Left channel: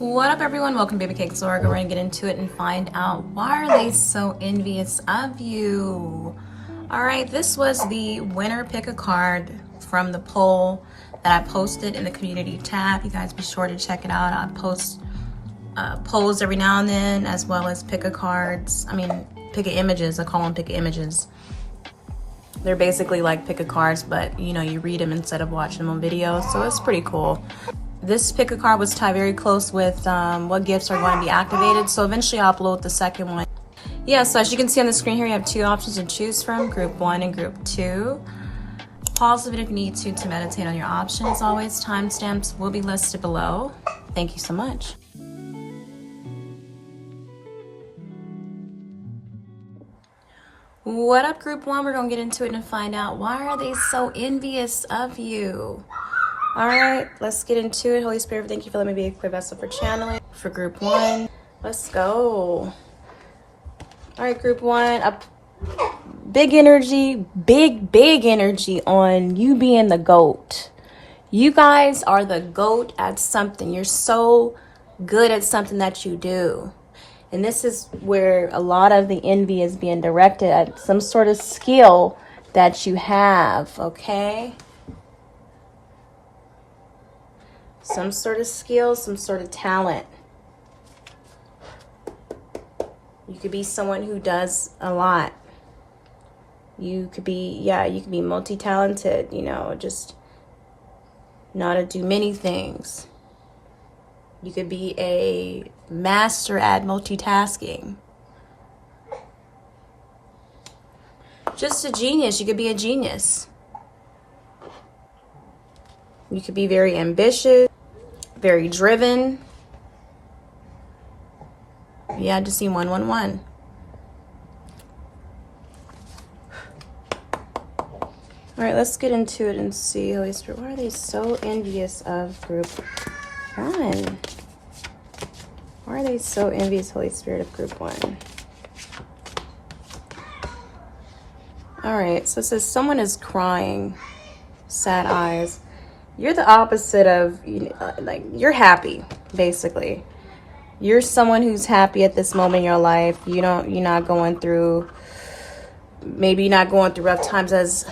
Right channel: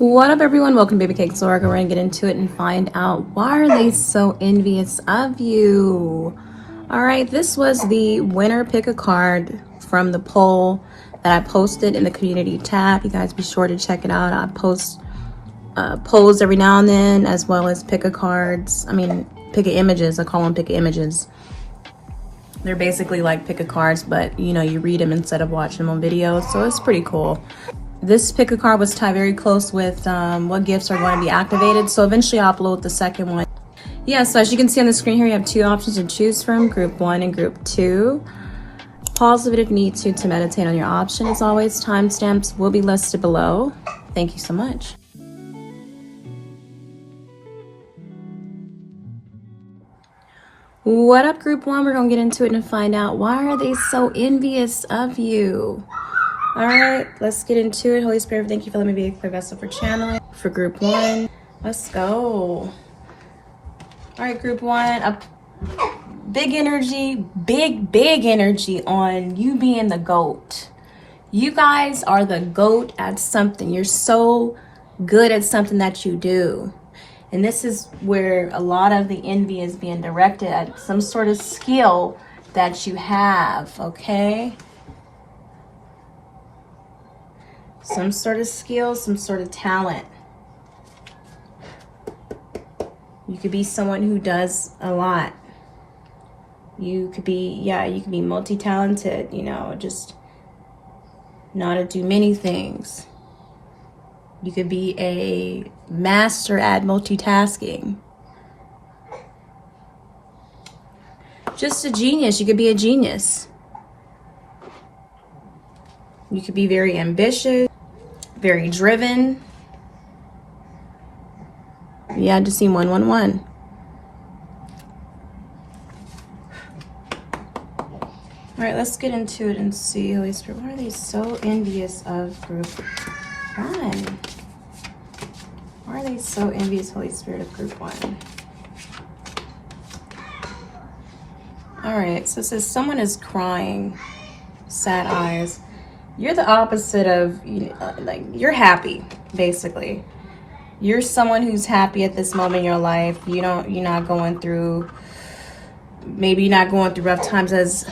What up, everyone? Welcome to Babycakes. So we're going to get into it and find out why are they so envious of you. All right, this was the winner pick a card from the poll that I posted in the community tab. You guys be sure to check it out. I post polls every now and then, as well as pick a cards. Pick a images. I call them pick a images. They're basically like pick a cards, but you read them instead of watching them on videos. So it's pretty cool. This pick a card was tied very close with what gifts are going to be activated. So eventually I'll upload the second one. Yeah, so as you can see on the screen here, you have two options to choose from, group 1 and group 2. Pause the video if you need to meditate on your option. As always, timestamps will be listed below. Thank you so much. What up, group 1? We're going to get into it and find out why are they so envious of you. All right, let's get into it. Holy Spirit, thank you for letting me be a vessel for channeling. For group 1, let's go. All right, group 1, a big energy, big energy on you being the GOAT. You guys are the GOAT at something. You're so good at something that you do. And this is where a lot of the envy is being directed at some sort of skill that you have, okay? Some sort of skill, some sort of talent. You could be someone who does a lot. You could be, you could be multi-talented, just know how to do many things. You could be a master at multitasking. Just a genius. You could be a genius. You could be very ambitious, very driven. Yeah, I just seen 111. All right, let's get into it and see, Holy Spirit, why are they so envious of group 1? Why are they so envious, Holy Spirit, of group 1? All right, so it says someone is crying, sad eyes. You're the opposite of, you're happy, basically. You're someone who's happy at this moment in your life. You're not going through, maybe you're not going through rough times as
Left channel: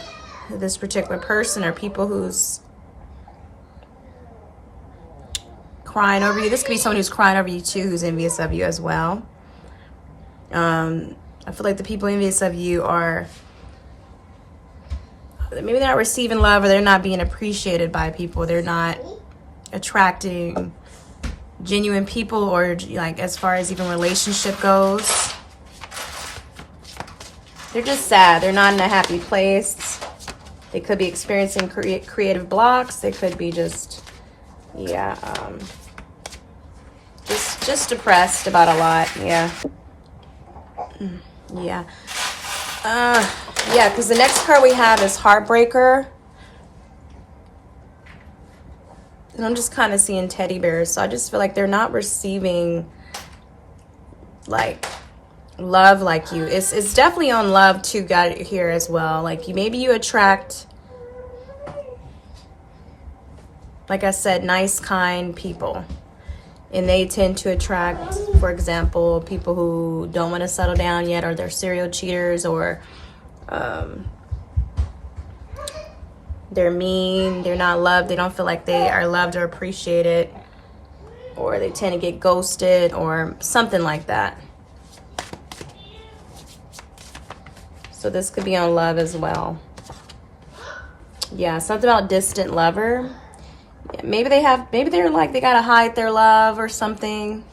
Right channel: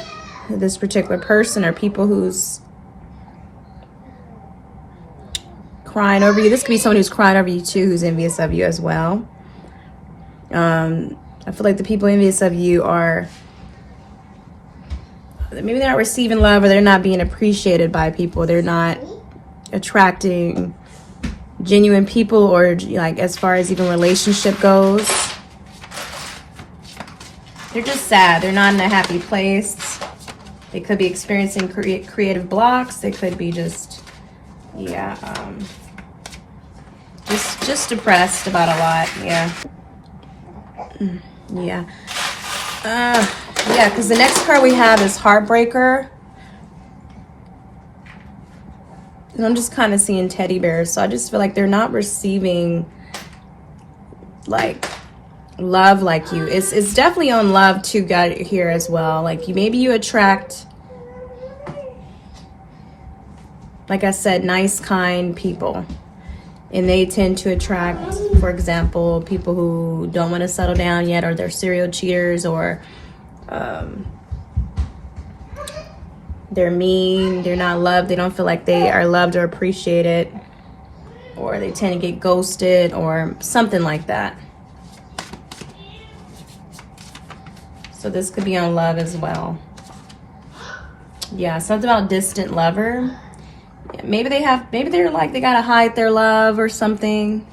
this particular person, or people who's crying over you. This could be someone who's crying over you too, who's envious of you as well. I feel like the people envious of you are, maybe they're not receiving love, or they're not being appreciated by people. They're not attracting genuine people, or like as far as even relationship goes. They're just sad. They're not in a happy place. They could be experiencing creative blocks. They could be just depressed about a lot. Because the next card we have is Heartbreaker. And I'm just kind of seeing teddy bears. So I just feel like they're not receiving like love like you. It's definitely on love too, got here as well. Like maybe you attract, like I said, nice, kind people. And they tend to attract, for example, people who don't want to settle down yet, or they're serial cheaters, or they're mean, they're not loved, they don't feel like they are loved or appreciated, or they tend to get ghosted or something like that. So this could be on love as well. Yeah, something about distant lover. Maybe they're like, they gotta hide their love or something.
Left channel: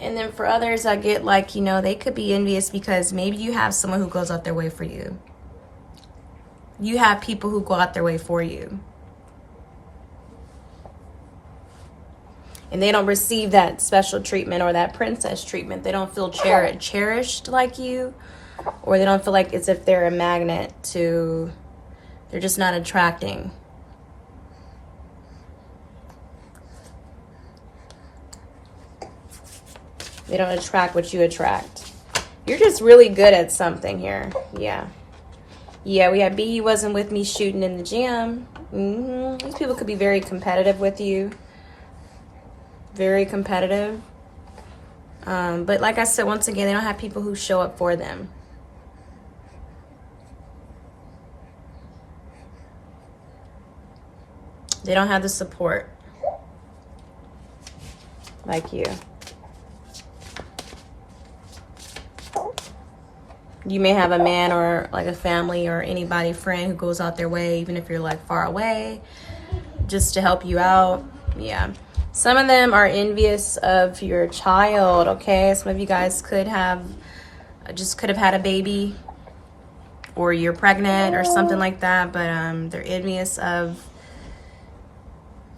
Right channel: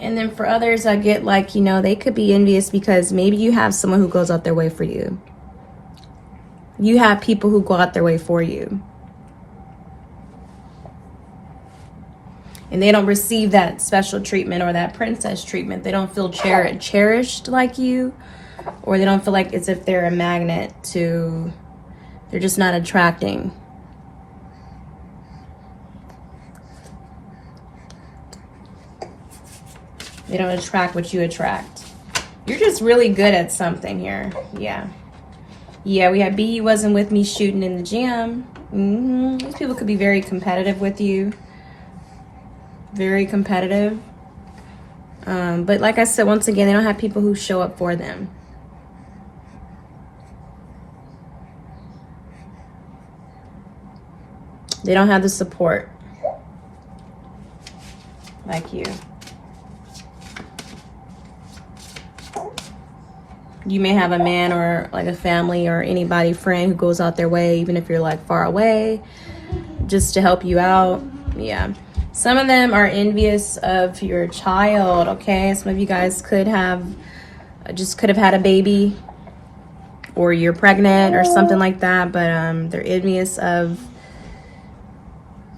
And then for others, I get like, they could be envious because maybe you have someone who goes out their way for you. You have people who go out their way for you. And they don't receive that special treatment or that princess treatment. They don't feel cherished like you. Or they don't feel like it's if they're a magnet to, they're just not attracting. They don't attract what you attract. You're just really good at something here. Yeah, we had B, wasn't with me shooting in the gym. These people could be very competitive with you. very competitive. But like I said, once again, they don't have people who show up for them. They don't have the support like you. You may have a man or like a family or anybody, friend, who goes out their way, even if you're like far away, just to help you out. Yeah. Some of them are envious of your child, okay? Some of you guys could have had a baby, or you're pregnant or something like that, but they're envious of,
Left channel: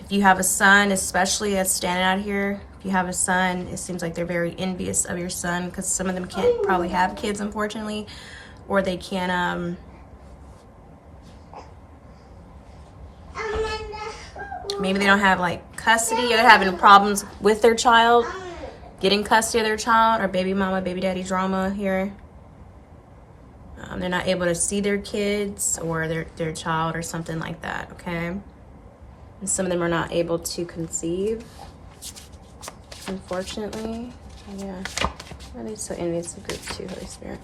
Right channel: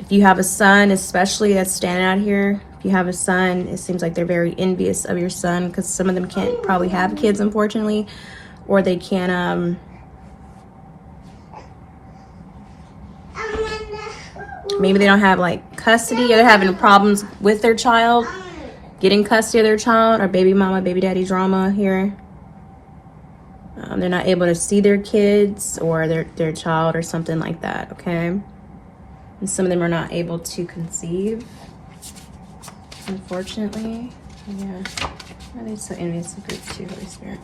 if you have a son, especially that's standing out here. If you have a son, it seems like they're very envious of your son, because some of them can't probably have kids, unfortunately, or they can't, maybe they don't have like custody, or they're having problems with their child, getting custody of their child, or baby mama, baby daddy drama here. They're not able to see their kids or their child or something like that, okay? And some of them are not able to conceive, unfortunately. Yeah. Why are they so envious of group 2, Holy Spirit?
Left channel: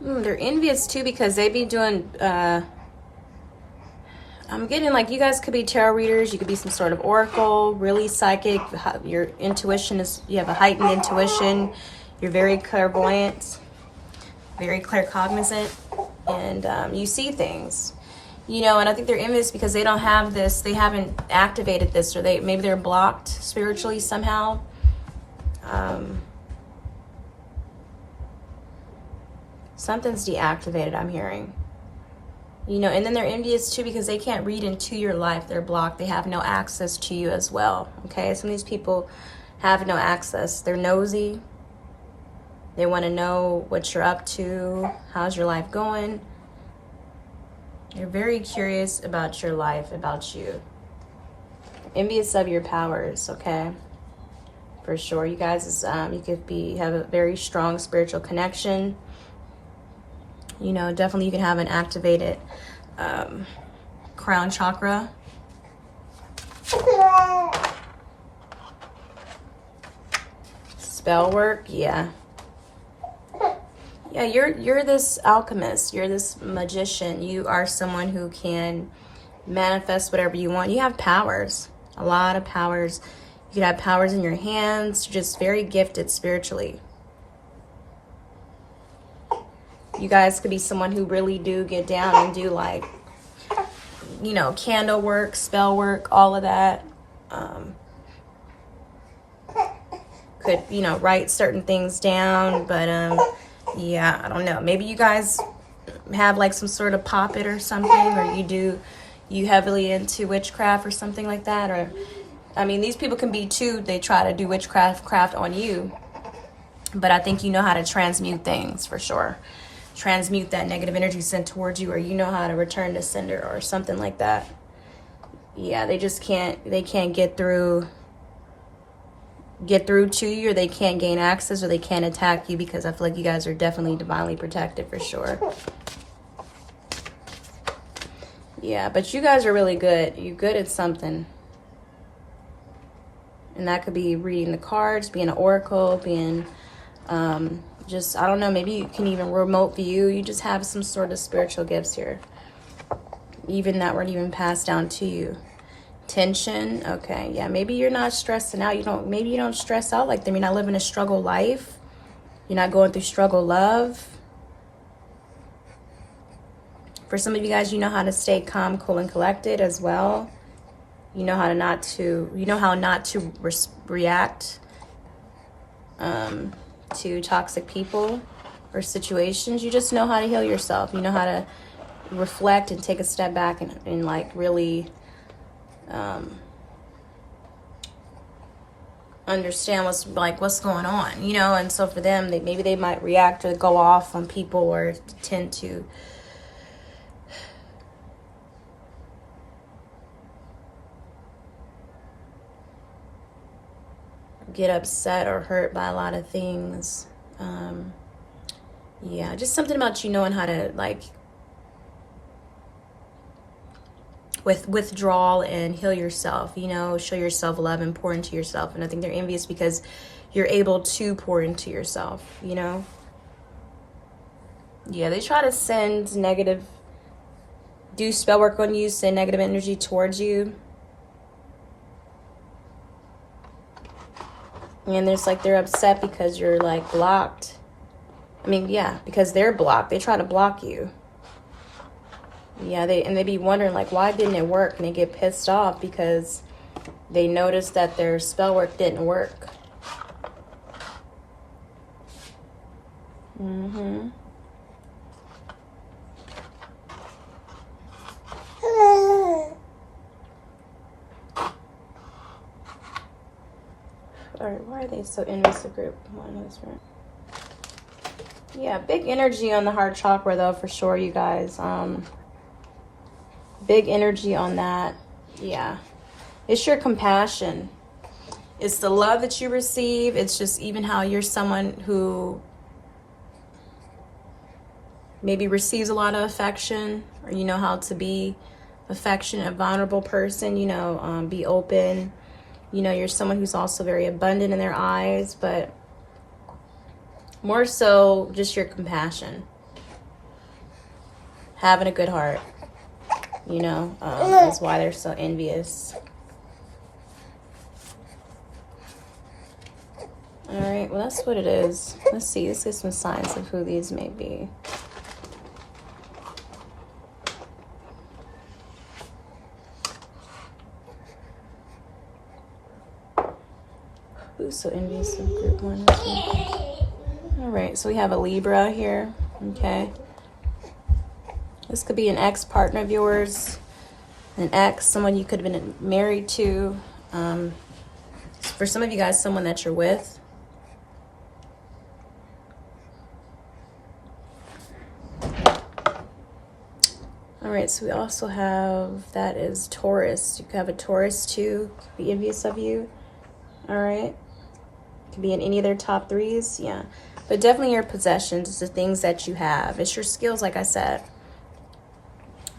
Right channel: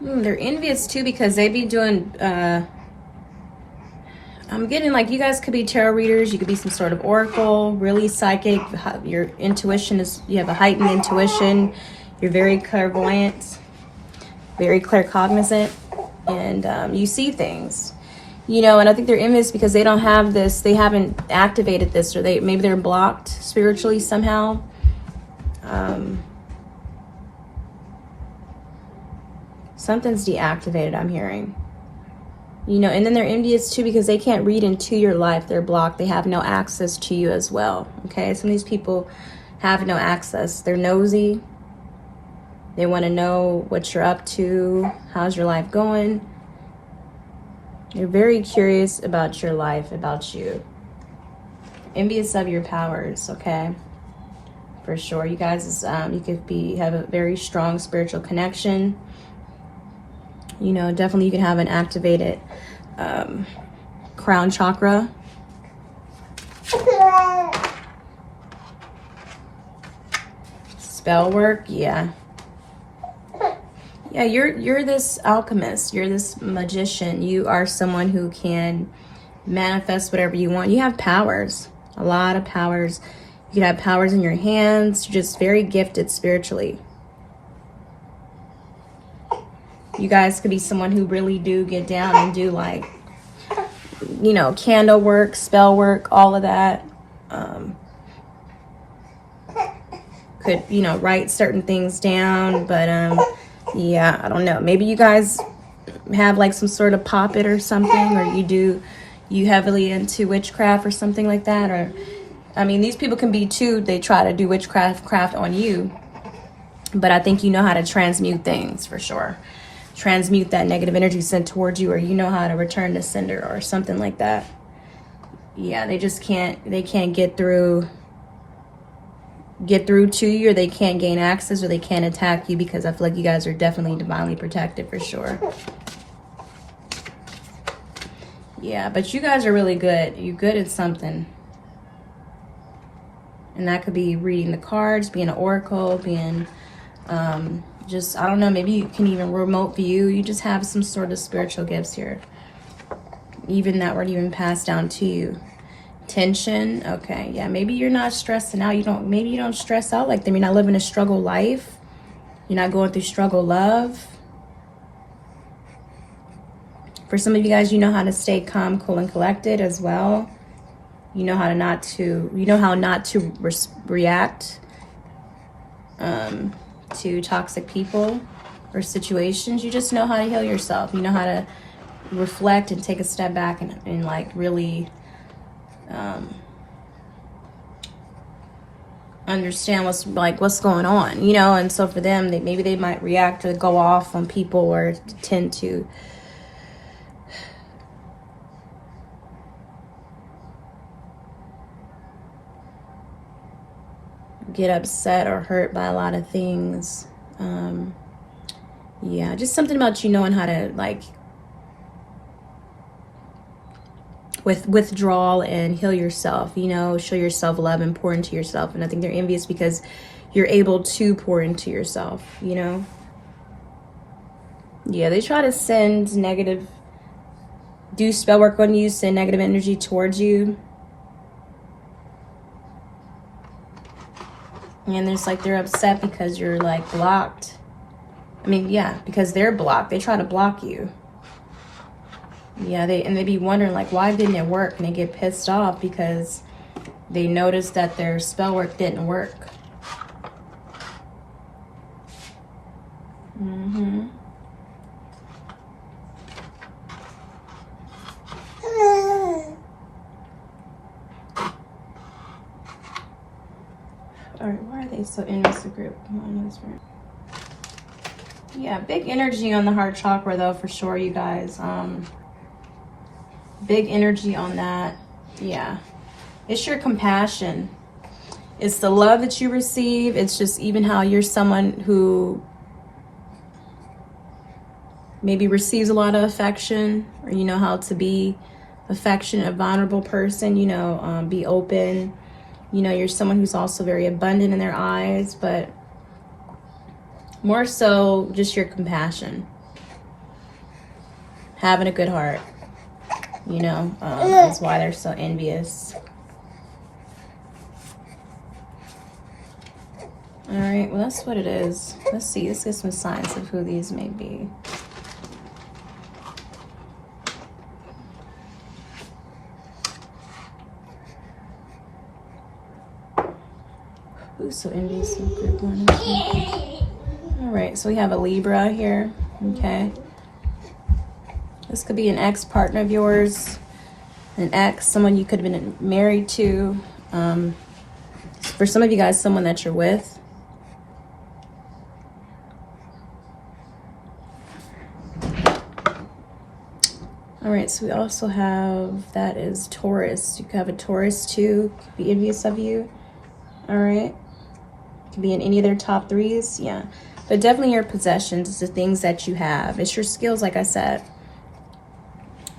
They're envious too because they be doing, I'm getting like, you guys could be tarot readers. You could be some sort of oracle, really psychic. Your intuition is, you have a heightened intuition. You're very clairvoyant, very claircognizant, and you see things. You know, and I think they're envious because they don't have this, they haven't activated this, or maybe they're blocked spiritually somehow. Something's deactivated, I'm hearing. You know, and then they're envious too because they can't read into your life. They're blocked. They have no access to you as well. Okay, some of these people have no access. They're nosy. They want to know what you're up to. How's your life going? They're very curious about your life, about you. Envious of your powers, okay? For sure. You guys, you could have a very strong spiritual connection. You know, definitely you can have an activated crown chakra. Spell work, yeah. Yeah, you're this alchemist. You're this magician. You are someone who can manifest whatever you want. You have powers, a lot of powers. You could have powers in your hands. You're just very gifted spiritually. You guys could be someone who really do get down and do like, you know, candle work, spell work, all of that. Could, you know, write certain things down, but yeah, I don't know. Maybe you guys have like some sort of puppet or something, or you heavily into witchcraft or something like that. Or, I mean, these people can be too, they try to do witchcraft on you, but I think you know how to transmute things for sure. Transmute that negative energy sent towards you, or you know how to return to sender or something like that. Yeah, they just can't get through to you, or they can't gain access, or they can't attack you, because I feel like you guys are definitely divinely protected for sure. Yeah, but you guys are really good. You're good at something. And that could be reading the cards, being an oracle, being just, I don't know, maybe you can even remote view. You just have some sort of spiritual gifts here, even that were even passed down to you. Tension, okay, yeah, maybe you're not stressing out. Maybe you don't stress out like them. You're not living a struggle life. You're not going through struggle love. For some of you guys, you know how to stay calm, cool, and collected as well. You know how not to react to toxic people or situations. You just know how to heal yourself. You know how to reflect and take a step back and like really understand what's going on, you know. And so for them, maybe they might react or go off on people, or tend to get upset or hurt by a lot of things. Yeah, just something about you knowing how to, like, with withdrawal and heal yourself, you know, show yourself love and pour into yourself. And I think they're envious because you're able to pour into yourself, you know. Yeah, they try to send negative, do spell work on you, send negative energy towards you. And there's like, they're upset because you're like blocked. I mean, yeah, because they're blocked. They try to block you. Yeah, they be wondering like, why didn't it work? And they get pissed off because they noticed that their spell work didn't work. Mm-hmm. All right, why are they so envious of group? Yeah, big energy on the heart chakra though, for sure, you guys. Big energy on that. Yeah, it's your compassion. It's the love that you receive. It's just even how you're someone who maybe receives a lot of affection, or you know how to be affectionate, a vulnerable person, you know, be open. You know, you're someone who's also very abundant in their eyes, but more so just your compassion. Having a good heart, you know, is why they're so envious. All right, well, that's what it is. Let's see, let's get some signs of who these may be. Who's so envious of group one? All right, so we have a Libra here. Okay, this could be an ex-partner of yours, an ex, someone you could have been married to. For some of you guys, someone that you're with. All right, so we also have, that is Taurus. You could have a Taurus too, could be envious of you. All right. Could be in any of their top threes, yeah. But definitely your possessions, it's the things that you have. It's your skills, like I said.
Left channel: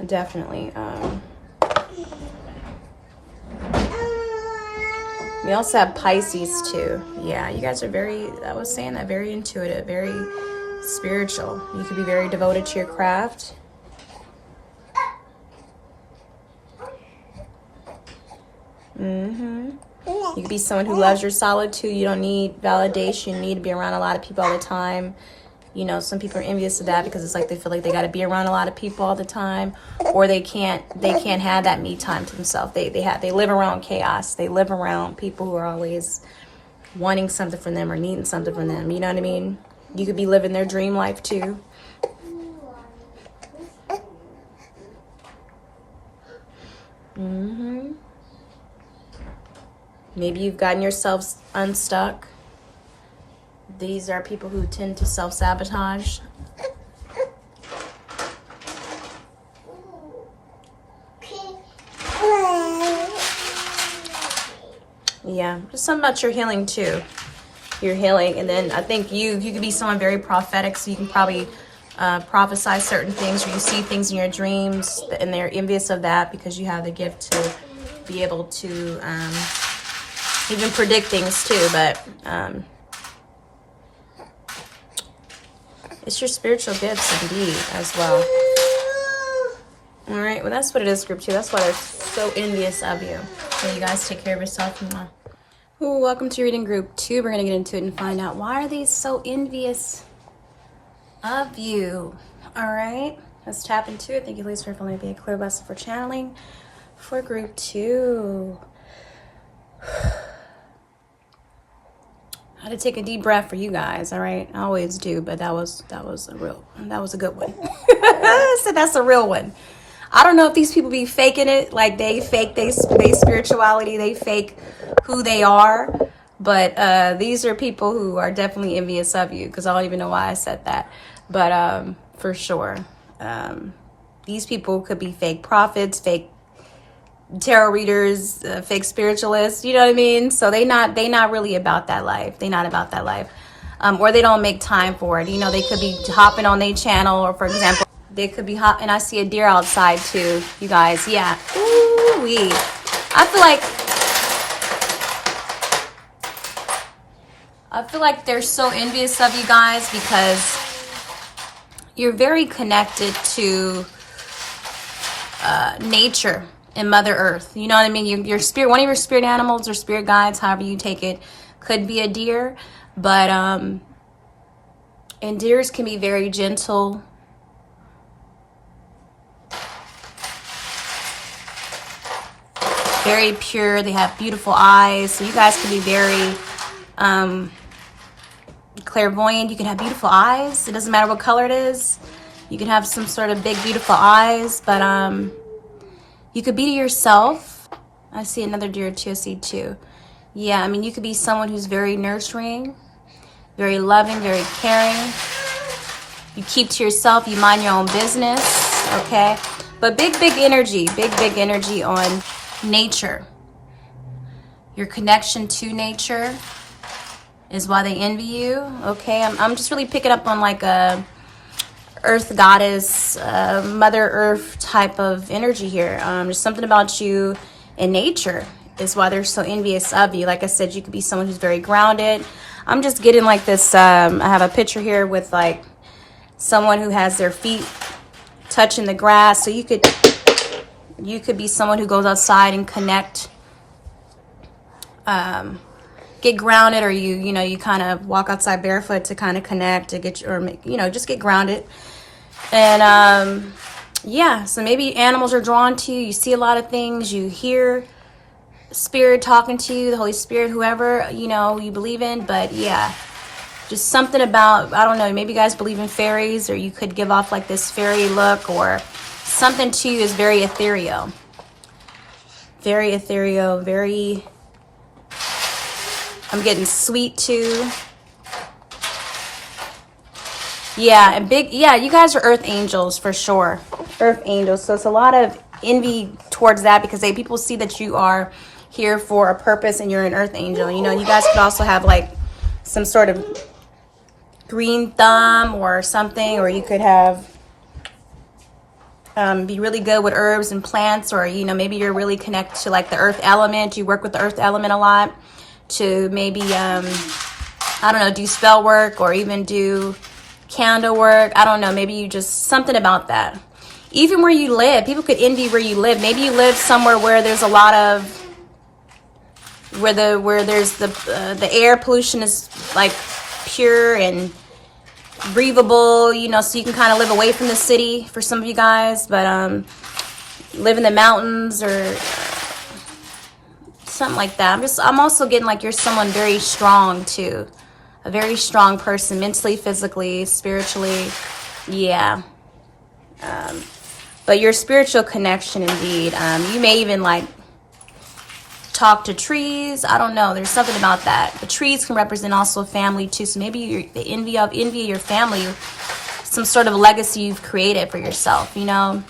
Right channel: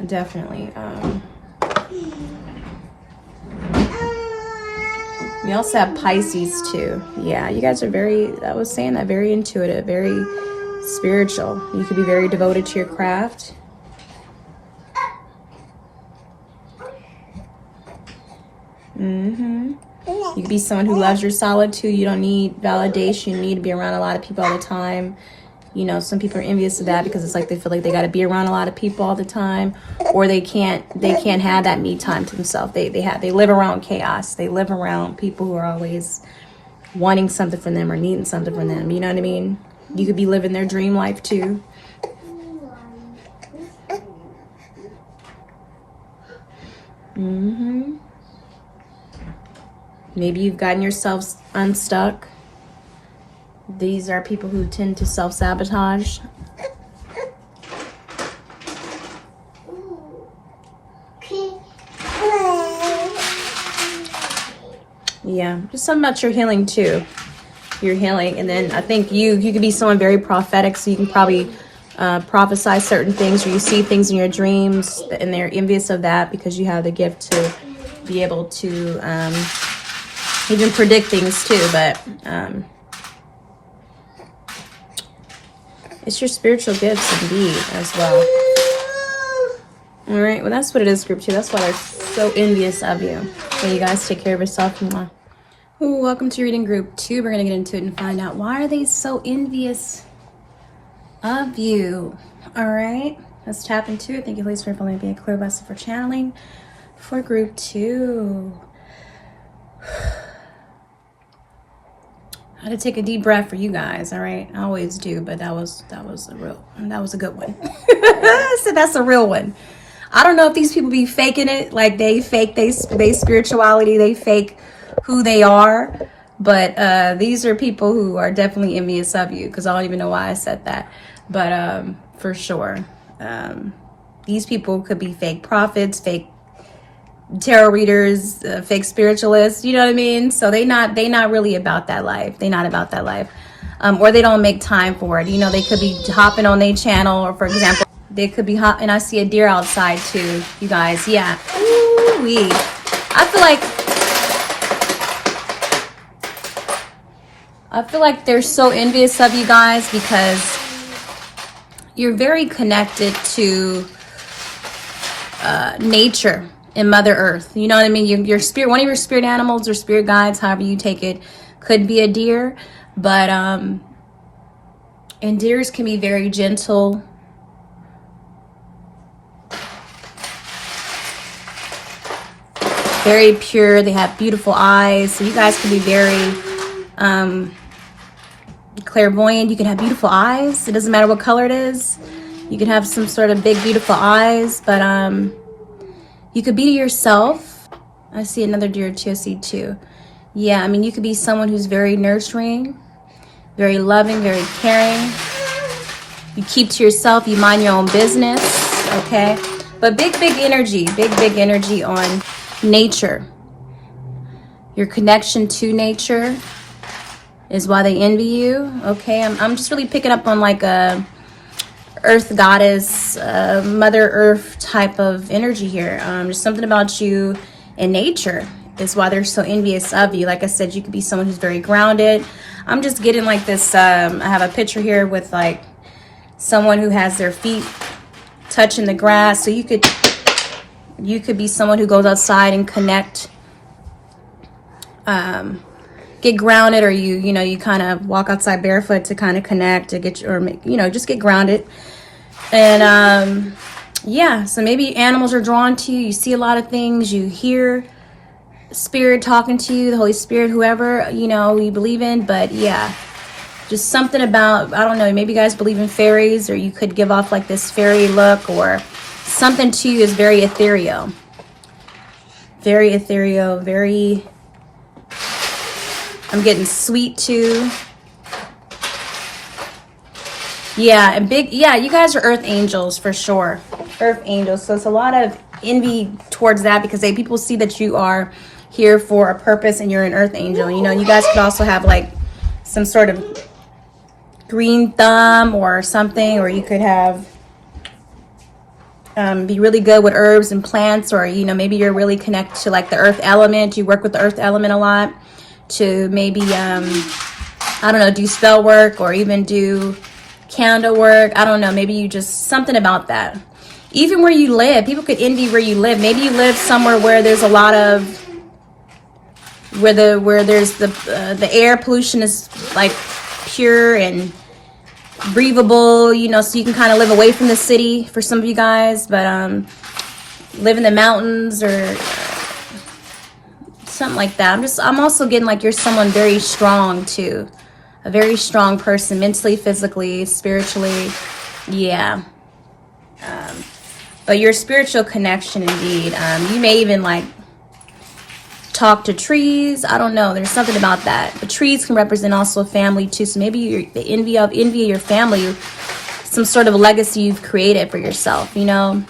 Definitely. We also have Pisces too. Yeah, you guys are very, I was saying that, very intuitive, very spiritual. You could be very devoted to your craft. Mm-hmm. You could be someone who loves your solitude. You don't need validation. You need to be around a lot of people all the time. You know, some people are envious of that because it's like they feel like they got to be around a lot of people all the time, or they can't have that me time to themselves. They live around chaos. They live around people who are always wanting something from them or needing something from them. You know what I mean? You could be living their dream life too. Mm-hmm. Maybe you've gotten yourself unstuck. These are people who tend to self-sabotage. Yeah, just something about your healing too. Your healing, and then I think you could be someone very prophetic, so you can probably prophesy certain things, or you see things in your dreams, and they're envious of that because you have the gift to be able to even predict things too. But it's your spiritual gifts indeed as well. All right, well, that's what it is, group 2. That's why they're so envious of you. Okay, you guys take care of yourself. Ooh, welcome to reading group 2. We're gonna get into it and find out, why are they so envious of you? All right, let's tap into it. Thank you, ladies, for letting me be a clear vessel for channeling for group 2. I had to take a deep breath for you guys. All right, I always do, but that was a good one. So that's a real one. I don't know if these people be faking it, like they fake they spirituality, they fake who they are, but these are people who are definitely envious of you, because I don't even know why I said that, but for sure, these people could be fake prophets, fake tarot readers, fake spiritualists, you know what I mean? So they not really about that life. They not about that life, or they don't make time for it. You know, they could be hopping on their channel, or for example, they could be hopping. I see a deer outside too, you guys. Yeah. Ooh. Woo-wee. I feel like they're so envious of you guys because you're very connected to nature and Mother Earth. You know what I mean? Your spirit, one of your spirit animals or spirit guides, however you take it, could be a deer. But and deers can be very gentle. Very pure. They have beautiful eyes. So you guys can be very clairvoyant. You can have beautiful eyes. It doesn't matter what color it is. You can have some sort of big, beautiful eyes. But you could be to yourself. I see another deer too. I see two. Yeah, I mean, you could be someone who's very nurturing, very loving, very caring. You keep to yourself. You mind your own business. Okay. But big energy. Big energy on nature. Your connection to nature is why they envy you. Okay, I'm just really picking up on like a earth goddess, Mother Earth type of energy here. There's something about you in nature is why they're so envious of you. Like I said, you could be someone who's very grounded. I'm just getting like this, I have a picture here with like someone who has their feet touching the grass. So you could be someone who goes outside and connect, get grounded, or you kind of walk outside barefoot to kind of connect to get, or just get grounded. And yeah, so maybe animals are drawn to you. You see a lot of things. You hear spirit talking to you, the Holy Spirit, whoever you believe in. But yeah, just something about, I don't know, maybe you guys believe in fairies, or you could give off like this fairy look, or something to you is very ethereal. Very ethereal, very, I'm getting sweet too. Yeah, and big, yeah, you guys are earth angels for sure. Earth angels. So it's a lot of envy towards that because people see that you are here for a purpose and you're an earth angel. You guys could also have like some sort of green thumb or something, or you could have be really good with herbs and plants, or maybe you're really connected to like the earth element. You work with the earth element a lot to maybe I don't know, do spell work or even do candle work. I don't know, maybe you just something about that. Even where you live, people could envy where you live. Maybe you live somewhere where there's a lot of where there's the air pollution is like pure and breathable, so you can kind of live away from the city for some of you guys, but live in the mountains or something like that. I'm also getting like you're someone very strong too, a very strong person, mentally, physically, spiritually. Yeah. But your spiritual connection, indeed. You may even like talk to trees. I don't know. There's something about that. But trees can represent also family too. So maybe you're the envy of your family, some sort of legacy you've created for yourself. How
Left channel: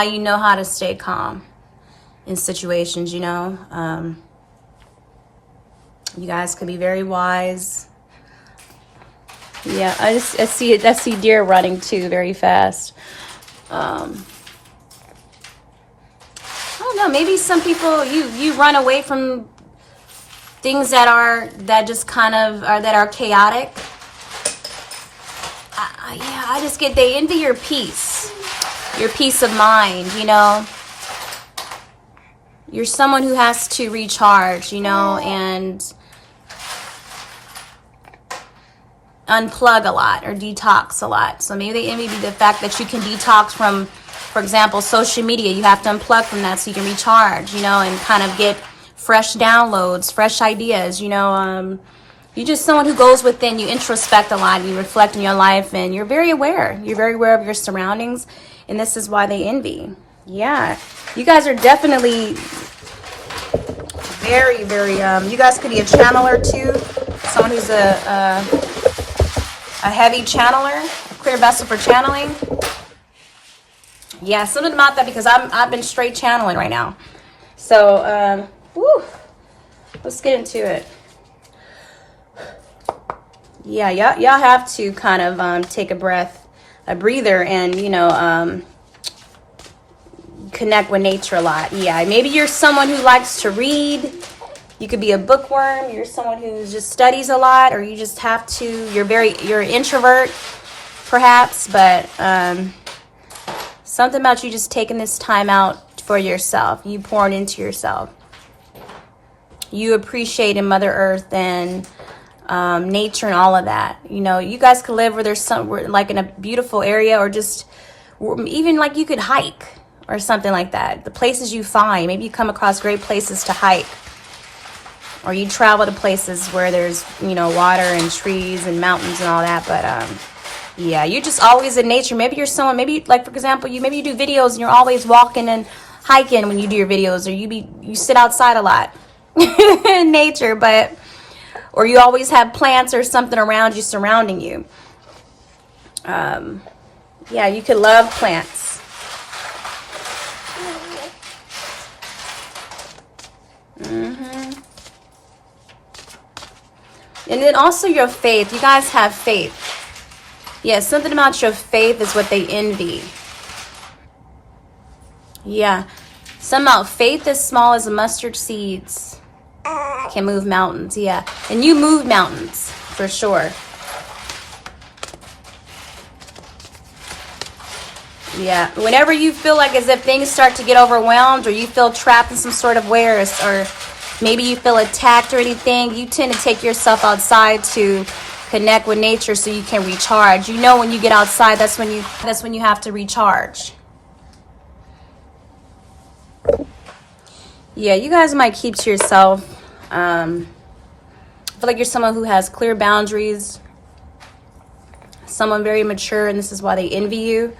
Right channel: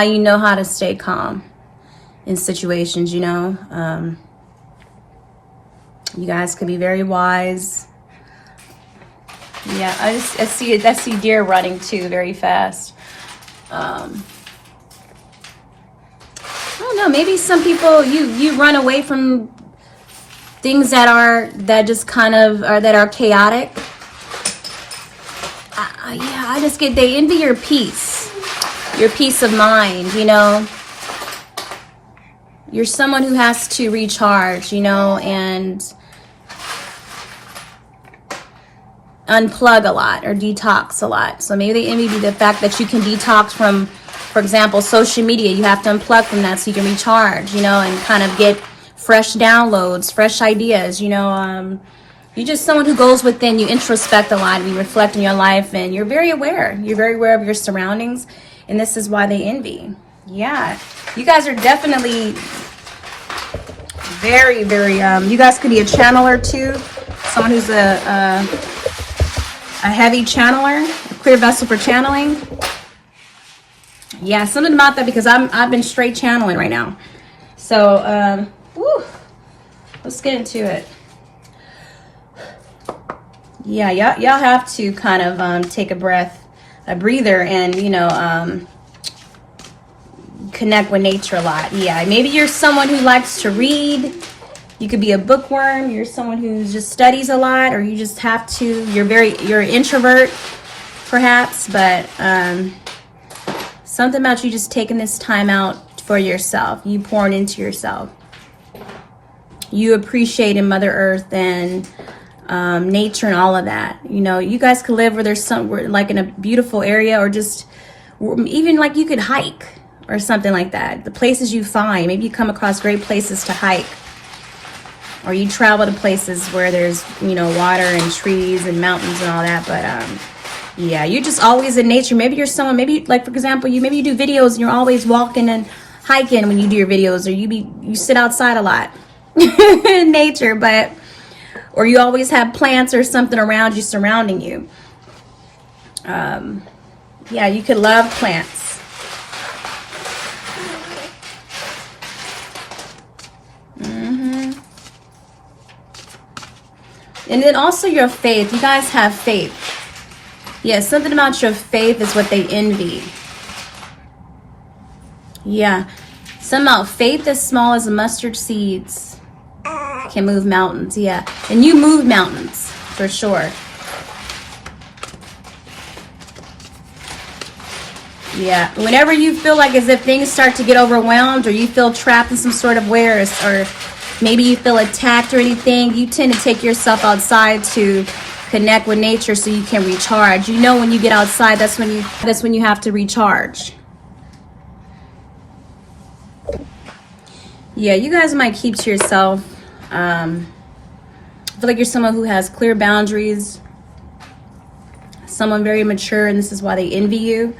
you know how to stay calm in situations. You guys could be very wise. Yeah, I see deer running too very fast. I don't know, maybe some people you run away from things that just kind of that are chaotic. Yeah, I just get, they envy your peace of mind. You're someone who has to recharge, and unplug a lot or detox a lot. So maybe they envy the fact that you can detox from, for example, social media. You have to unplug from that so you can recharge, and kind of get fresh downloads, fresh ideas. You're just someone who goes within. You introspect a lot and you reflect in your life, and you're very aware. You're very aware of your surroundings, and this is why they envy. Yeah, you guys are definitely very, very, you guys could be a channeler too. Someone who's a heavy channeler, a clear vessel for channeling. Yeah, something about that, because I've been straight channeling right now. So, let's get into it. Yeah, y'all have to kind of take a breath breather and, you know, connect with nature a lot. Yeah, maybe you're someone who likes to read. You could be a bookworm. You're someone who just studies a lot, or you just have to, you're an introvert perhaps, but something about you just taking this time out for yourself. You pouring into yourself. You appreciate in Mother Earth and nature and all of that. You know, you guys could live where there's like in a beautiful area, or just even like you could hike or something like that. The places you find, maybe you come across great places to hike, or you travel to places where there's, you know, water and trees and mountains and all that. But yeah, you're just always in nature. Maybe you're someone, maybe like for example, maybe you do videos and you're always walking and hiking when you do your videos, or you sit outside a lot in nature, but or you always have plants or something around you, surrounding you. Yeah, you could love plants. And then also your faith. You guys have faith. Yeah, something about your faith is what they envy. Yeah, something about faith as small as mustard seeds can move mountains. Yeah, and you move mountains for sure. Yeah, whenever you feel like as if things start to get overwhelmed, or you feel trapped in some sort of way, or maybe you feel attacked or anything, you tend to take yourself outside to connect with nature so you can recharge. You know, when you get outside, that's when you have to recharge. Yeah, you guys might keep to yourself. I feel like you're someone who has clear boundaries, someone very mature, and this is why they envy you.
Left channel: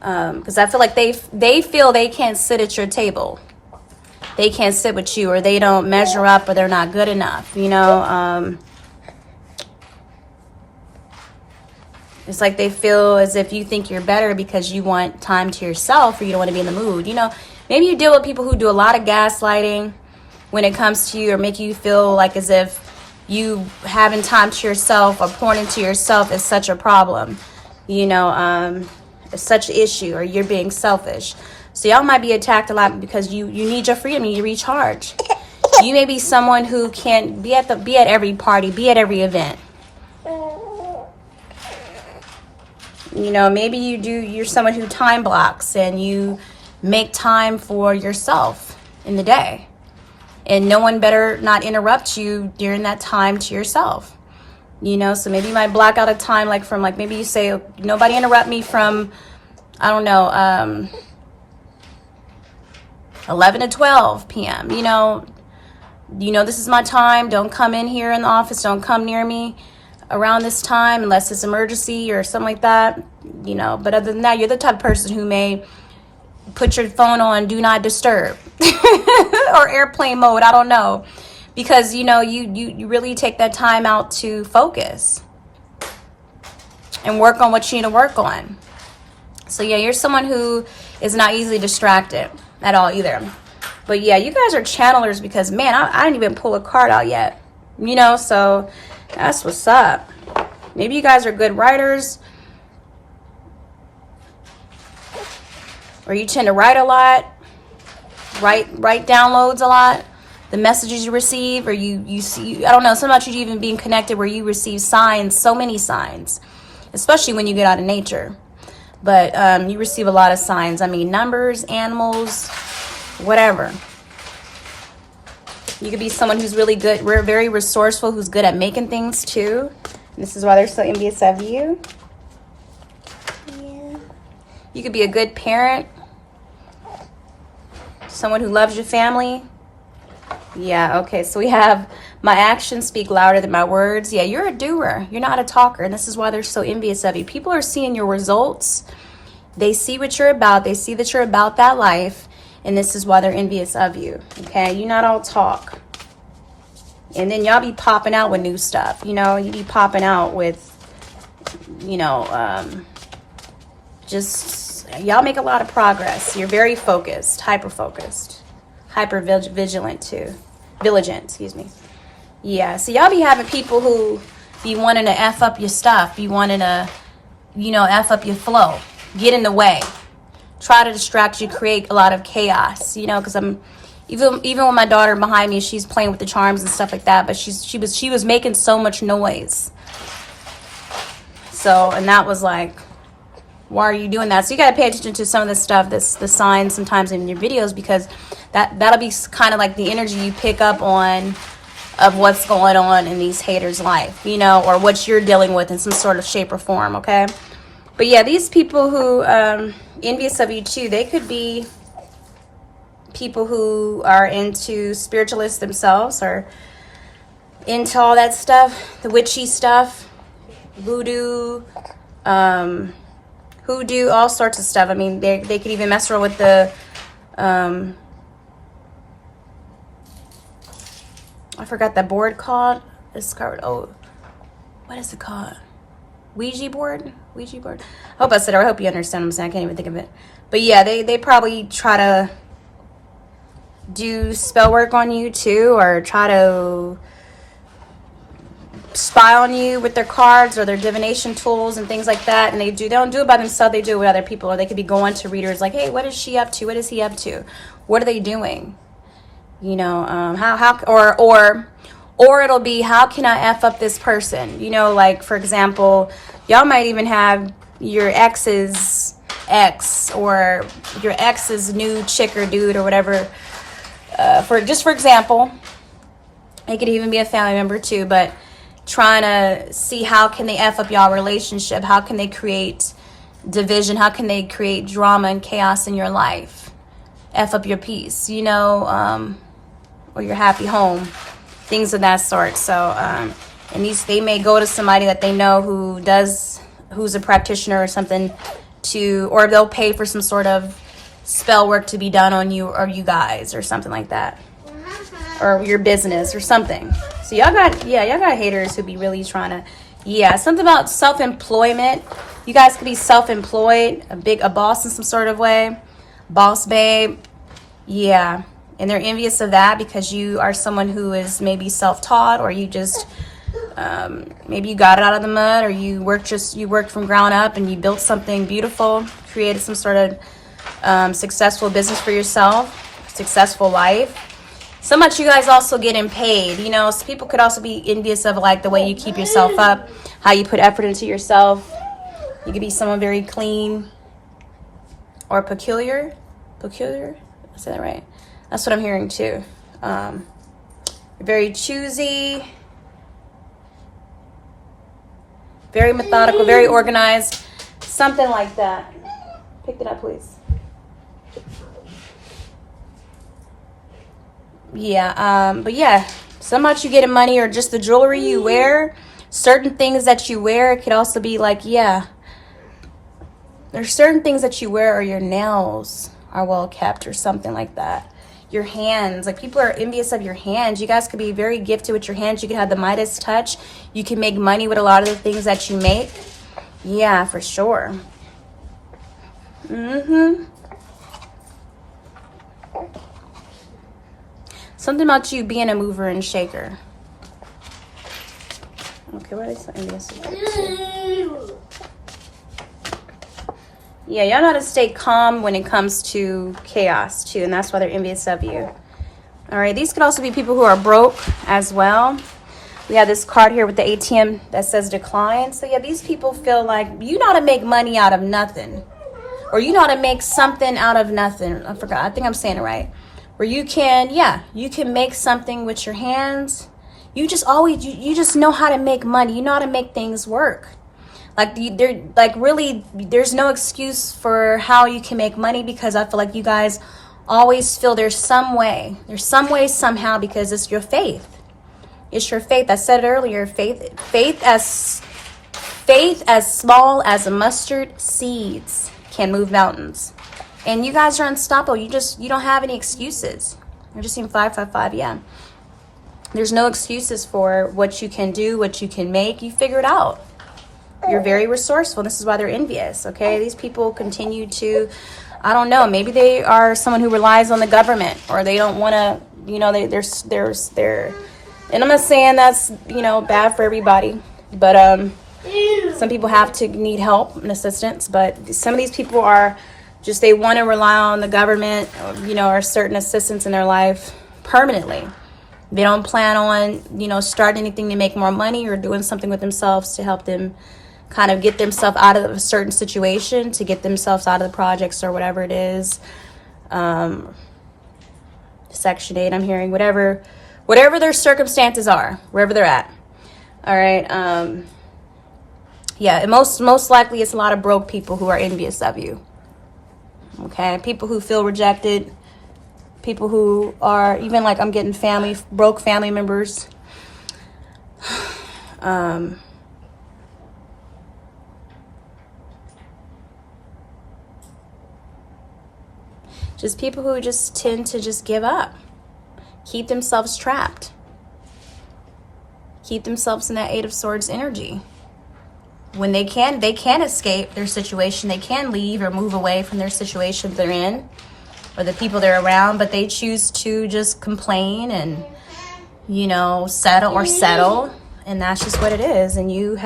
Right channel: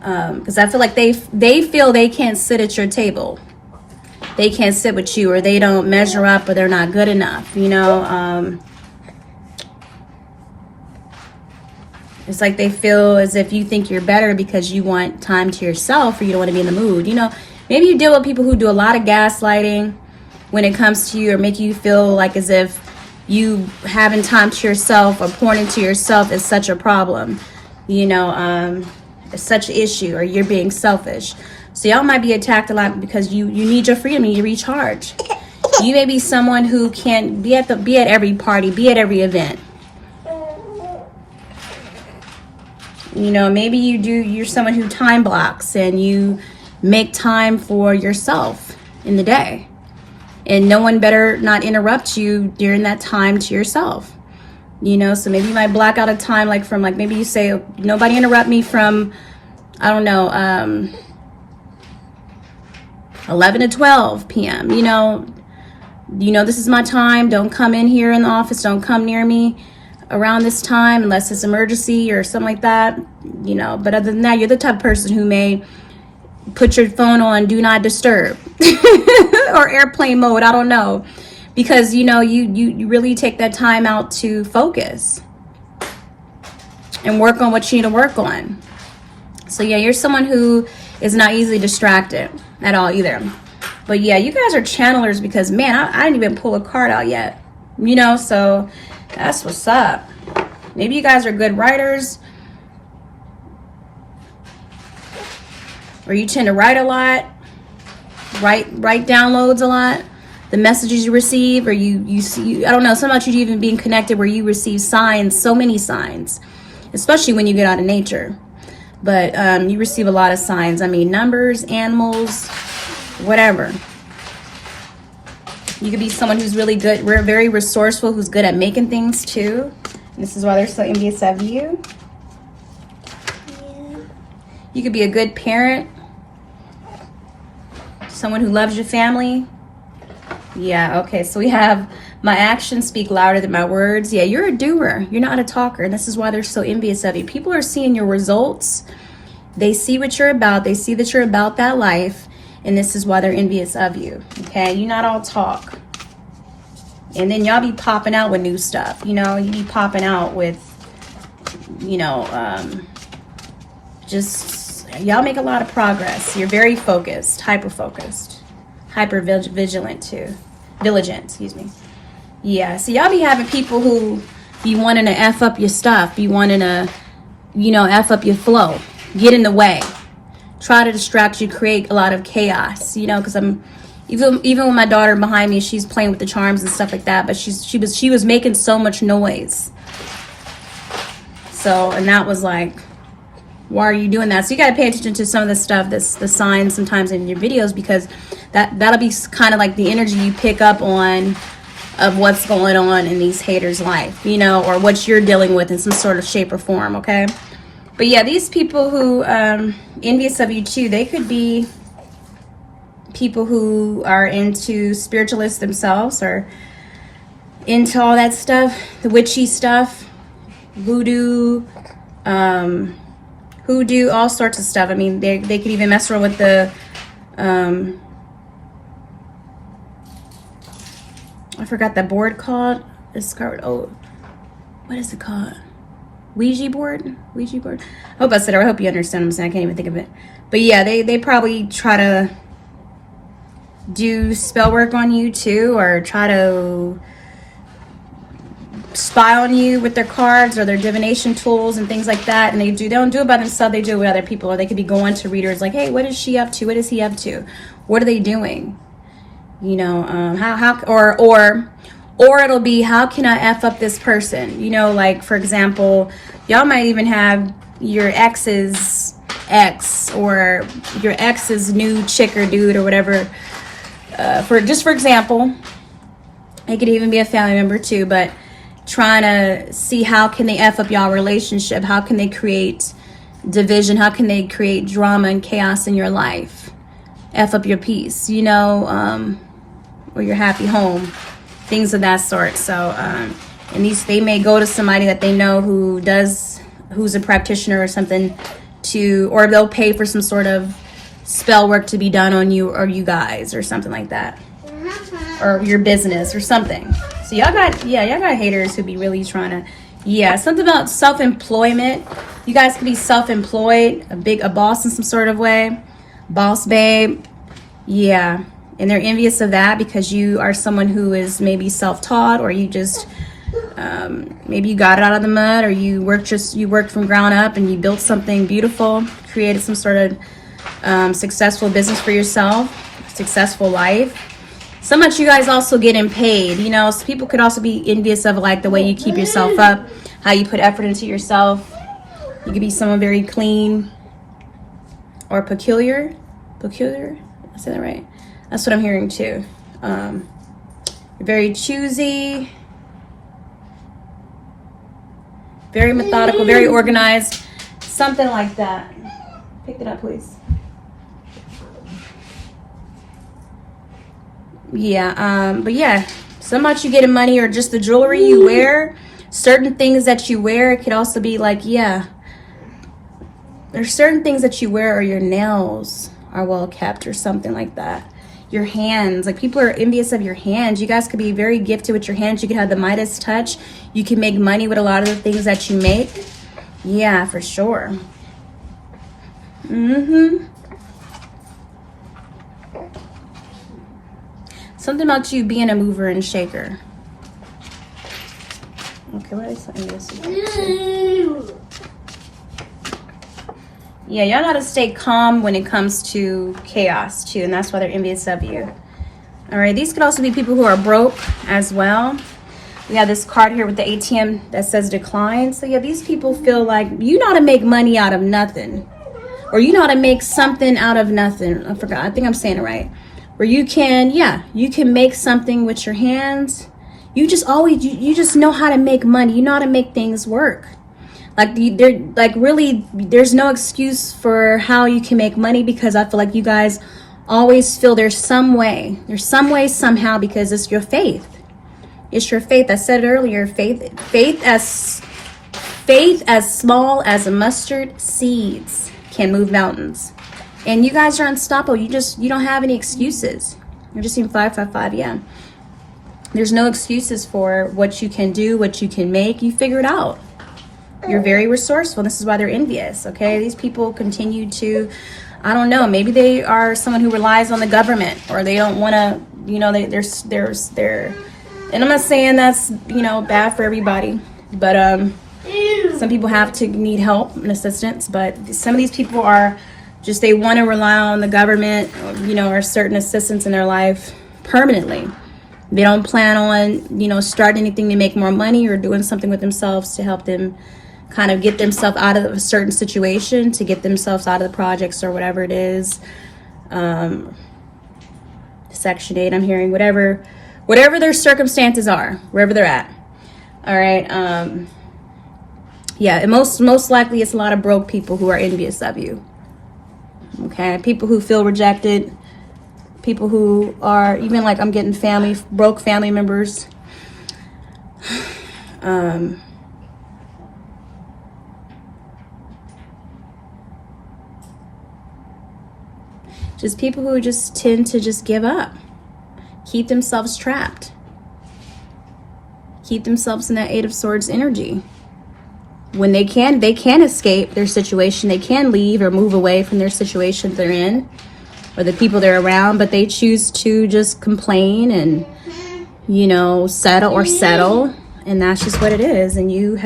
Because I feel like they feel they can't sit at your table. They can't sit with you, or they don't measure up, or they're not good enough, you know. It's like they feel as if you think you're better because you want time to yourself, or you don't want to be in the mood. You know, maybe you deal with people who do a lot of gaslighting when it comes to you, or make you feel like as if you having time to yourself or pouring into yourself is such a problem. You know, it's such an issue, or you're being selfish. So y'all might be attacked a lot because you need your freedom and you recharge. You may be someone who can be at every party, be at every event. You know, maybe you're someone who time blocks and you make time for yourself in the day. And no one better not interrupt you during that time to yourself. You know, so maybe you might block out a time maybe you say, nobody interrupt me from, I don't know, 11 to 12 p.m. You know, this is my time. Don't come in here in the office. Don't come near me around this time unless it's emergency or something like that. You know, but other than that, you're the type of person who may put your phone on do not disturb or airplane mode. I don't know. Because, you know, you really take that time out to focus and work on what you need to work on. So, yeah, you're someone who is not easily distracted at all either. But, yeah, you guys are channelers because, man, I didn't even pull a card out yet. You know, so that's what's up. Maybe you guys are good writers. Or you tend to write a lot. Write downloads a lot. The messages you receive, or you see, I don't know, something about you even being connected where you receive signs, so many signs, especially when you get out of nature. But you receive a lot of signs. I mean, numbers, animals, whatever. You could be someone who's really good, we're very resourceful, who's good at making things too. And this is why they're so envious of you. Yeah. You could be a good parent, someone who loves your family. Yeah, okay, so we have my actions speak louder than my words. Yeah, you're a doer. You're not a talker, and this is why they're so envious of you. People are seeing your results. They see what you're about. They see that you're about that life, and this is why they're envious of you, okay? You're not all talk. And then y'all be popping out with new stuff, you know? You be popping out with, you know, just, y'all make a lot of progress. You're very focused, hyper-focused. Hyper-vigilant too. Vigilant, excuse me. Yeah, so y'all be having people who be wanting to F up your stuff. Be wanting to F up your flow, get in the way, try to distract you, create a lot of chaos, because I'm even with my daughter behind me, she's playing with the charms and stuff like that, but she was making so much noise. So, and that was like, why are you doing that? So you got to pay attention to some of the stuff, the signs sometimes in your videos, because that'll be kind of like the energy you pick up on of what's going on in these haters' life, or what you're dealing with in some sort of shape or form, okay? But yeah, these people who envious of you too, they could be people who are into spiritualists themselves, or into all that stuff, the witchy stuff, voodoo, hoodoo, all sorts of stuff. I mean, they could even mess around with the I forgot that board called. It's called, what is it called? Ouija board. I hope I said it. I hope you understand what I'm saying. I can't even think of it. But yeah, they probably try to do spell work on you too, or try to spy on you with their cards or their divination tools and things like that. And they don't do it by themselves, they do it with other people. Or they could be going to readers like, hey, what is she up to? What is he up to? What are they doing? Or it'll be, how can I F up this person? Like, for example, y'all might even have your ex's ex, or your ex's new chick or dude or whatever. For example, it could even be a family member too, but trying to see how can they F up y'all relationship? How can they create division? How can they create drama and chaos in your life? F up your peace, or your happy home, things of that sort. So, and they may go to somebody that they know who's a practitioner or something or they'll pay for some sort of spell work to be done on you or you guys or something like that, or your business or something. So y'all got haters who be really trying to, something about self-employment. You guys can be self-employed, a boss in some sort of way, boss babe. Yeah. And they're envious of that because you are someone who is maybe self-taught, or you just maybe you got it out of the mud, or you worked from ground up and you built something beautiful, created some sort of successful business for yourself, successful life. So much you guys also getting paid, so people could also be envious of like the way you keep yourself up, how you put effort into yourself. You could be someone very clean or peculiar. I say that right? That's what I'm hearing too. Very choosy, very methodical, very organized, something like that. Pick it up, please. Yeah, but yeah, so much you getting money, or just the jewelry you wear, certain things that you wear. It could also be like, there's certain things that you wear, or your nails are well kept or something like that. Your hands, like people are envious of your hands. You guys could be very gifted with your hands. You can have the Midas touch. You can make money with a lot of the things that you make. Yeah, for sure. Something about you being a mover and shaker. Okay, what is that? Yeah, y'all gotta stay calm when it comes to chaos too, and that's why they're envious of you. All right, these could also be people who are broke as well. We have this card here with the ATM that says decline. So yeah, these people feel like you know how to make money out of nothing, or you know how to make something out of nothing. I think I'm saying it right. Where you can make something with your hands. You just know how to make money. You know how to make things work. There's no excuse for how you can make money, because I feel like you guys always feel there's some way, somehow, because it's your faith. It's your faith. I said it earlier, faith as small as a mustard seeds can move mountains. And you guys are unstoppable. You don't have any excuses. You're just in 555, yeah. There's no excuses for what you can do, what you can make. You figure it out. You're very resourceful. This is why they're envious, okay? These people continue to, I don't know, maybe they are someone who relies on the government, or they don't want to, they're, and I'm not saying that's, bad for everybody, but Some people have to need help and assistance, but some of these people are just, they want to rely on the government, you know, or certain assistance in their life permanently. They don't plan on, you know, starting anything to make more money or doing something with themselves to help them kind of get themselves out of a certain situation, to get themselves out of the projects or whatever it is. Section 8, I'm hearing, whatever their circumstances are, wherever they're at. All right. Yeah, and most likely it's a lot of broke people who are envious of you. Okay, people who feel rejected, people who are, even like I'm getting broke family members. Just people who just tend to just give up, keep themselves trapped, keep themselves in that Eight of Swords energy. When they can escape their situation, they can leave or move away from their situation they're in or the people they're around, but they choose to just complain and, you know, settle, and that's just what it is. And you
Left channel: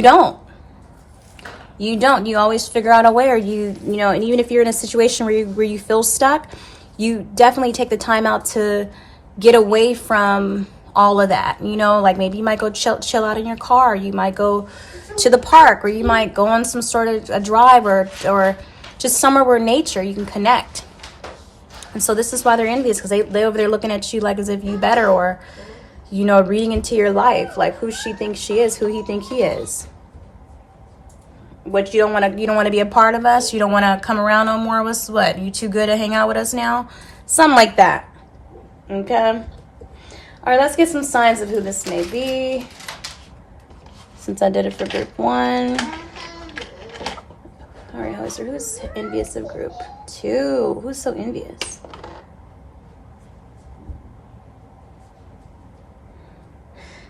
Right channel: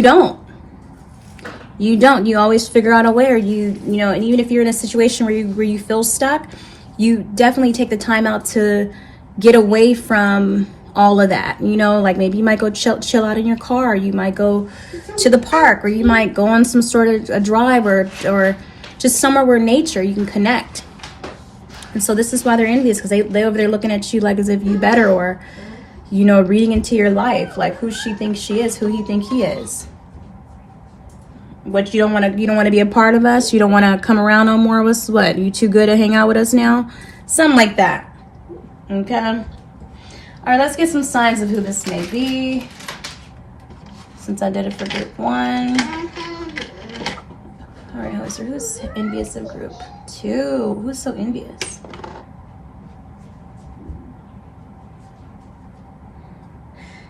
don't. You always figure out a way, or you know, and even if you're in a situation where you feel stuck, you definitely take the time out to get away from all of that. You know, like maybe you might go chill out in your car, you might go to the park, or you might go on some sort of a drive or just somewhere where nature you can connect. And so this is why they're envious, because they over there looking at you like as if you better, or, you know, reading into your life, like who she thinks she is, who he think he is. What, you don't want to be a part of us? You don't want to come around no more? What? You too good to hang out with us now? Something like that. Okay. All right, let's get some signs of who this may be, since I did it for group 1. All right, who's envious of group 2? Who's so envious?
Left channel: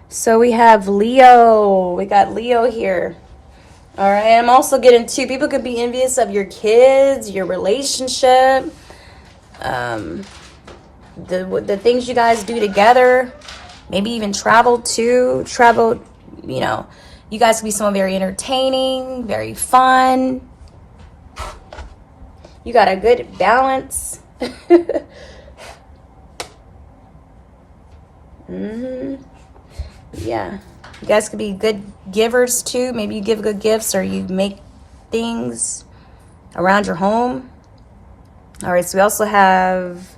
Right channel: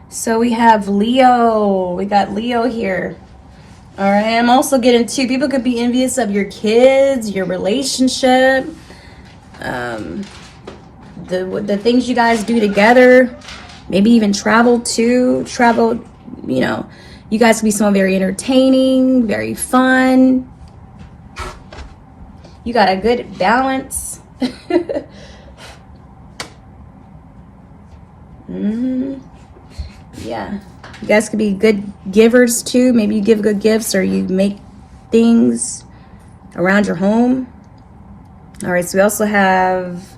So we have Leo. We got Leo here. All right, I'm also getting people could be envious of your kids, your relationship, the things you guys do together, maybe even travel, you know, you guys can be someone very entertaining, very fun. You got a good balance. Yeah. You guys could be good givers too. Maybe you give good gifts, or you make things around your home. All right, so we also have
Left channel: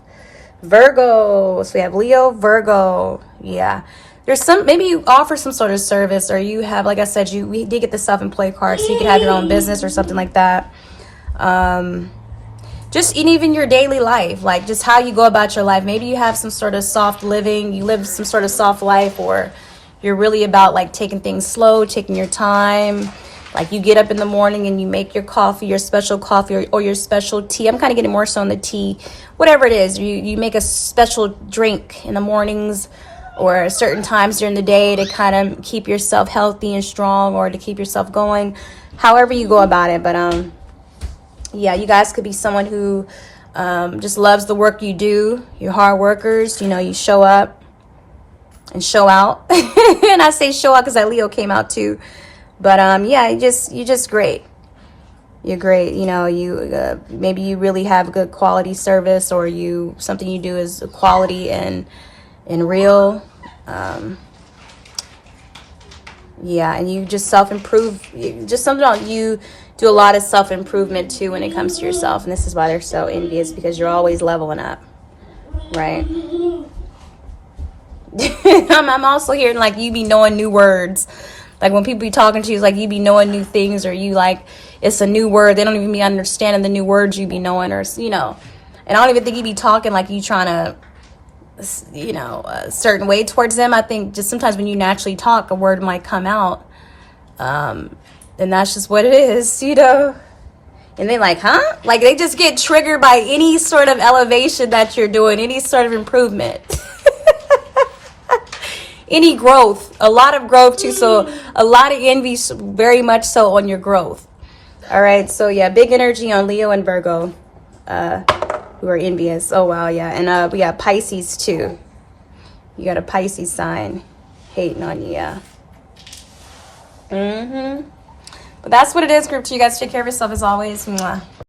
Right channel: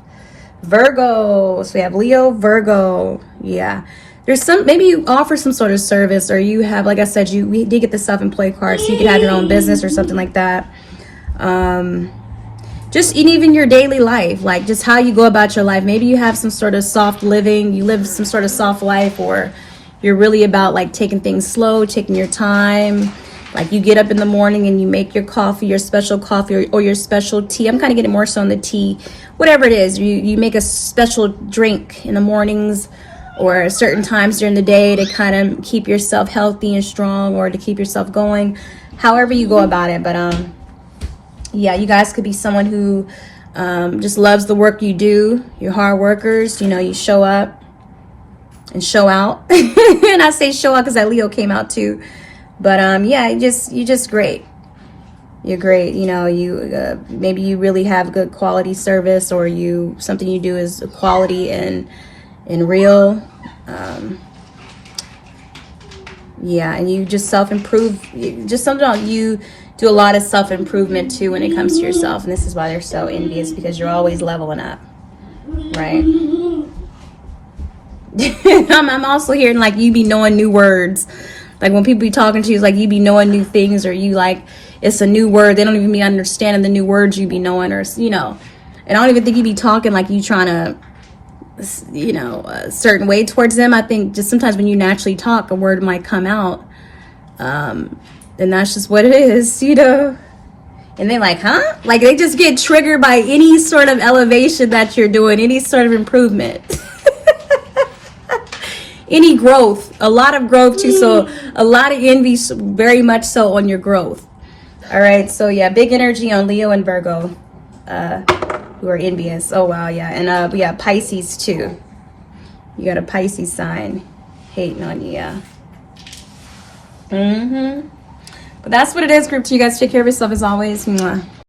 Virgo. So we have Leo, Virgo. Yeah. There's maybe you offer some sort of service, or you have, like I said, we did get the self-employed card, so you could have your own business or something like that. Just in even your daily life, like just how you go about your life. Maybe you have some sort of soft living, you live some sort of soft life, or you're really about like taking things slow, taking your time. Like you get up in the morning and you make your coffee, your special coffee, or your special tea. I'm kind of getting more so on the tea. Whatever it is, you make a special drink in the mornings or certain times during the day to kind of keep yourself healthy and strong, or to keep yourself going. However you go about it. But yeah, you guys could be someone who just loves the work you do. You're hard workers. You know, you show up and show out. And I say show out because that Leo came out too. But yeah, you're just great. You're great. You know, you maybe you really have good quality service, or something you do is quality and real. Yeah, and you just self-improve. You do a lot of self-improvement too when it comes to yourself, and this is why they're so envious, because you're always leveling up, right? I'm also hearing like you be knowing new words. Like when people be talking to you, it's like you be knowing new things, or you like, it's a new word. They don't even be understanding the new words you be knowing, or, you know. And I don't even think you be talking like you trying to, you know, a certain way towards them. I think just sometimes when you naturally talk, a word might come out. And that's just what it is, you know. And then like, huh? Like they just get triggered by any sort of elevation that you're doing, any sort of improvement. Any growth, a lot of growth too. So a lot of envy, very much so on your growth. All right. So yeah, big energy on Leo and Virgo, who are envious. Oh wow, yeah. And we got Pisces too. You got a Pisces sign hating on you, yeah. But that's what it is, group 2. You guys take care of yourself as always. Mwah.